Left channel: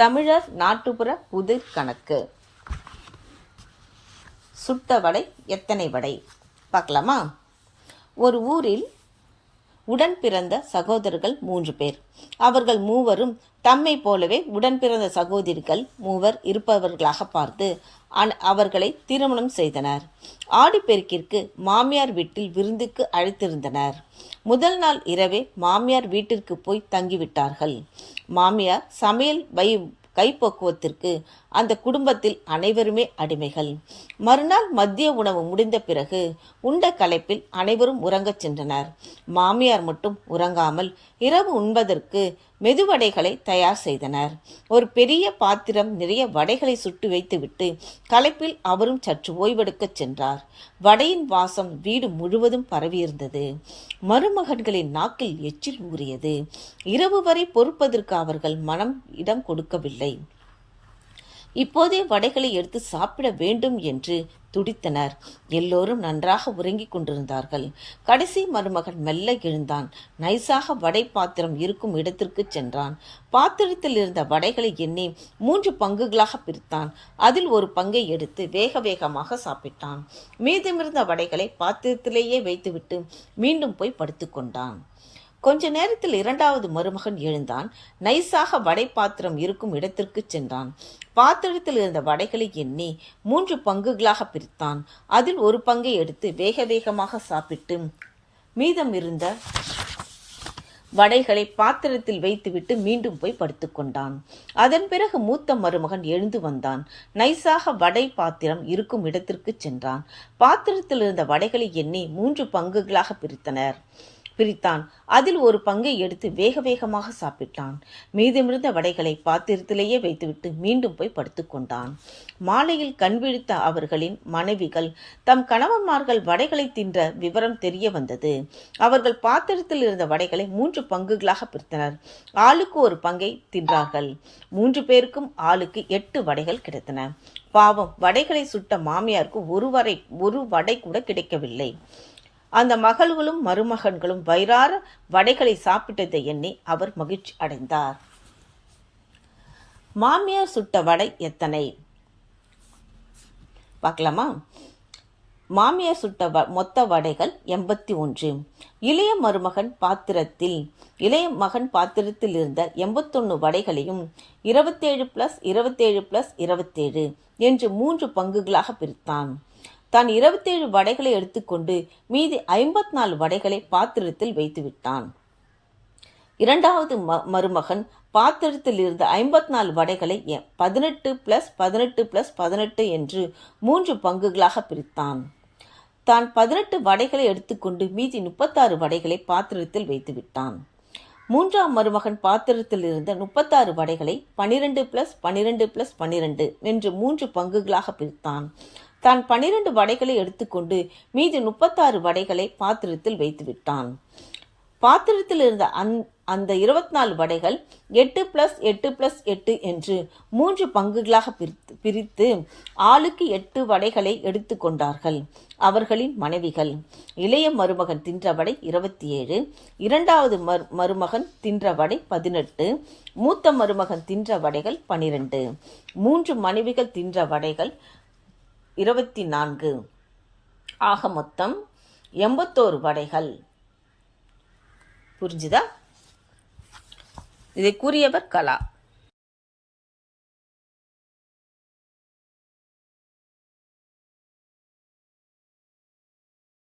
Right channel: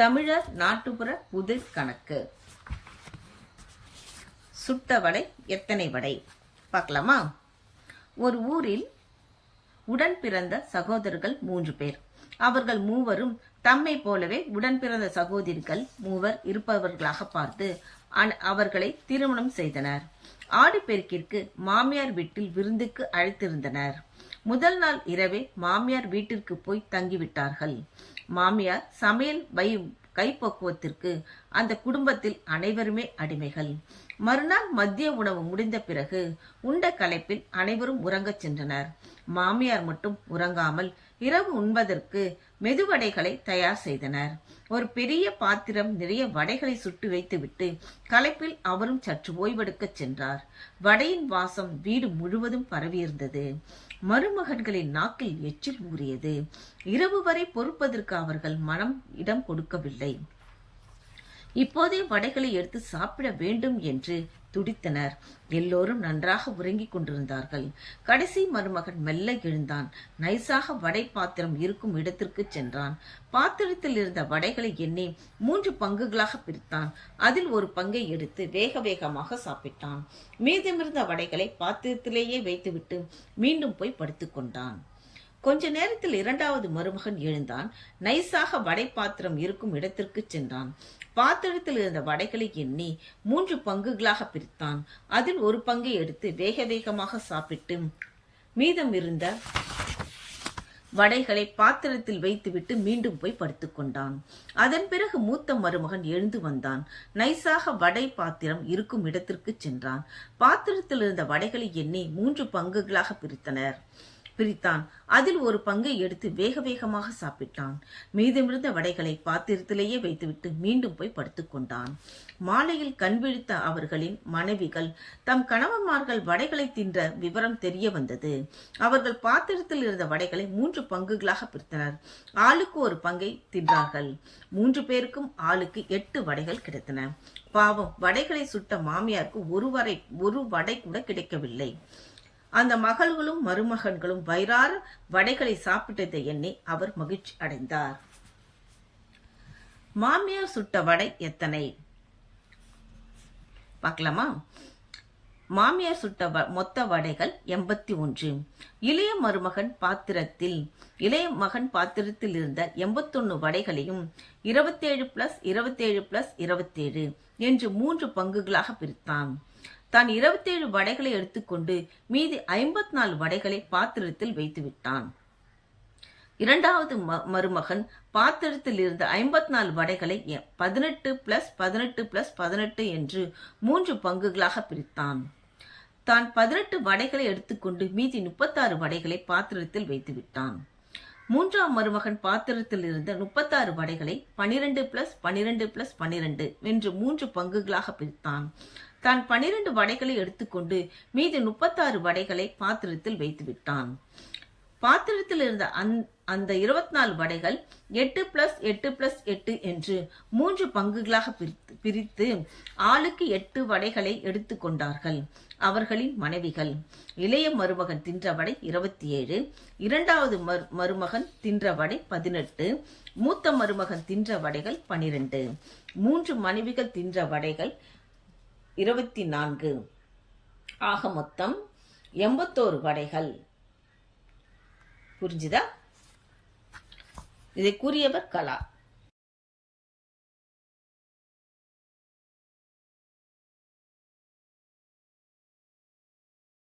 தமிழர் நாட்டுப்புற புதிர் கணக்கு. சுட்ட வடை எத்தனை வடை பார்க்கலாமா? ஒரு ஊரில் உடன் பிறந்த சகோதரர்கள் 3 பேர். அவர்கள் மூவரும் தம்மை போலவே உடன் பிறந்த சகோதரிகள் 3 இருப்பவர்களாக பார்த்து அவர்களை திருமணம் செய்தனர். ஆடிப்பெருக்கிற்கு மாமியார் வீட்டில் விருந்துக்கு அழைத்திருந்தனர். முதல் நாள் இரவே மாமியார் வீட்டிற்கு போய் தங்கிவிட்டார்கள். மாமியார் சமையல் கைப்பக்குவத்திற்கு அந்த குடும்பத்தில் அனைவருமே அடிமைகள். மறுநாள் மதிய உணவு முடிந்த பிறகு உண்ட களைப்பில் அனைவரும் உறங்கச் சென்றனர். மாமியார் மட்டும் உறங்காமல் இரவு உண்பதற்கு மெதுவடைகளை தயார் செய்தனர். ஒரு பெரிய பாத்திரம் நிறைய வடைகளை சுட்டு வைத்துவிட்டு களைப்பில் அவரும் சற்று ஓய்வெடுக்கச் சென்றார். வடையின் வாசம் வீடு முழுவதும் பரவியிருந்தது. மருமகன்களின் நாக்கில் எச்சில் ஊறியது. இரவு வரை பொறுப்பதற்கு அவர்கள் மனம் இடம் கொடுக்கவில்லை. இப்போதே வடைகளை எடுத்து சாப்பிட வேண்டும் என்று துடித்தனர். எல்லோரும் நன்றாக உறங்கிக் கொண்டிருந்தார்கள். கடைசி மருமகன் மெல்ல எழுந்தான். நைசாக வடை பாத்திரம் இருக்கும் இடத்திற்கு சென்றான். பாத்திரத்தில் இருந்த வடைகளை எண்ணி 3 பங்குகளாக பிரித்தான். அதில் ஒரு பங்கை எடுத்து வேக வேகமாக சாப்பிட்டான். மீதமிருந்த வடைகளை பாத்திரத்திலேயே வைத்துவிட்டு மீண்டும் போய் படுத்துக்கொண்டான். கொஞ்ச நேரத்தில் 2வது மருமகன் எழுந்தான். நைசாக வடை பாத்திரம் இருக்கும் இடத்திற்கு சென்றான். பாத்திரத்தில் இருந்த வடைகளை எண்ணி 3 பங்குகளாக பிரித்தான். அதில் ஒரு பங்கை எடுத்து வேக வேகமாக சாப்பிட்டு மீதம் இருந்த வடைகளை பாத்திரத்தில் வைத்துவிட்டு மீண்டும் போய் படுத்துக்கொண்டான். அதன் பிறகு மூத்த மருமகன் எழுந்து வந்தான். நைசாக வடை பாத்திரம் இருக்கும் இடத்திற்கு சென்றான். பாத்திரத்தில் இருந்த வடைகளை எண்ணி 3 பங்குகளாக பிரித்தான். அதில் ஒரு பங்கை எடுத்து வேக வேகமாக சாப்பிட்டான். மீதமிருந்த வடைகளை பாத்திரத்திலேயே வைத்துவிட்டு மீண்டும் போய் படுத்துக்கொண்டான். மாலையில் கண் விழித்த அவர்களின் மனைவிகள் தம் கணவன்மார்கள் வடைகளை தின்ற விவரம் தெரிய வந்தது. அவர்கள் பாத்திரத்தில் இருந்த வடைகளை 3 பங்குகளாக பிரித்தனர். ஆளுக்கு ஒரு பங்கை தின்றார்கள். 3 பேருக்கும் ஆளுக்கு 8 வடைகள் கிடைத்தன. பாவம், வடைகளை சுட்ட மாமியாருக்கு ஒரு வடை கூட கிடைக்கவில்லை. அந்த மகள்களும் மருமகன்களும் வயிறார வடைகளை சாப்பிட்டதை எண்ணி அவர் மகிழ்ச்சி அடைந்தார். மாமியார் சுட்ட வடை எத்தனை பார்க்கலாமா? மாமியார் சுட்ட மொத்த வடைகள் 81. இளைய மகன் பாத்திரத்தில் இருந்த 81 வடைகளையும் 27 + 27 + 27 என்று 3 பங்குகளாக பிரித்தான். தான் 27 வடைகளை எடுத்துக்கொண்டு மீதி 54 வடைகளை பாத்திரத்தில் வைத்துவிட்டான். 2வது மருமகன் பாத்திரத்தில் இருந்த 54 வடைகளை 18 + 18 + 18 என்று 3 பங்குகளாக பிரித்தான். தான் 18 வடைகளை எடுத்துக்கொண்டு மீதி 36 வடைகளை பாத்திரத்தில் வைத்துவிட்டான். 3ஆம் மருமகன் பாத்திரத்தில் இருந்த 36 வடைகளை 12 + 12 + 12 என்று 3 பங்குகளாக பிரித்தான். தான் 12 வடைகளை எடுத்துக்கொண்டு மீதி 36 வடைகளை பாத்திரத்தில் வைத்துவிட்டான். பாத்திரத்தில் இருந்த அந்த 24 வடைகள் 8 + 8 + 8 என்று 3 பங்குகளாக பிரித்து ஆளுக்கு 8 வடைகளை எடுத்துக்கொண்டார்கள். அவர்களின் மனைவிகள். இளைய மருமகன் தின்ற வடை 27, 2வது மருமகன் தின்ற வடை 18, மூத்த மருமகன் தின்ற வடைகள் 12, 3 மனைவிகள் தின்ற வடைகள் 24. ஆக மொத்தம் 81 வடைகள். புரிஞ்சுதா? இதை கூறியவர் கலா.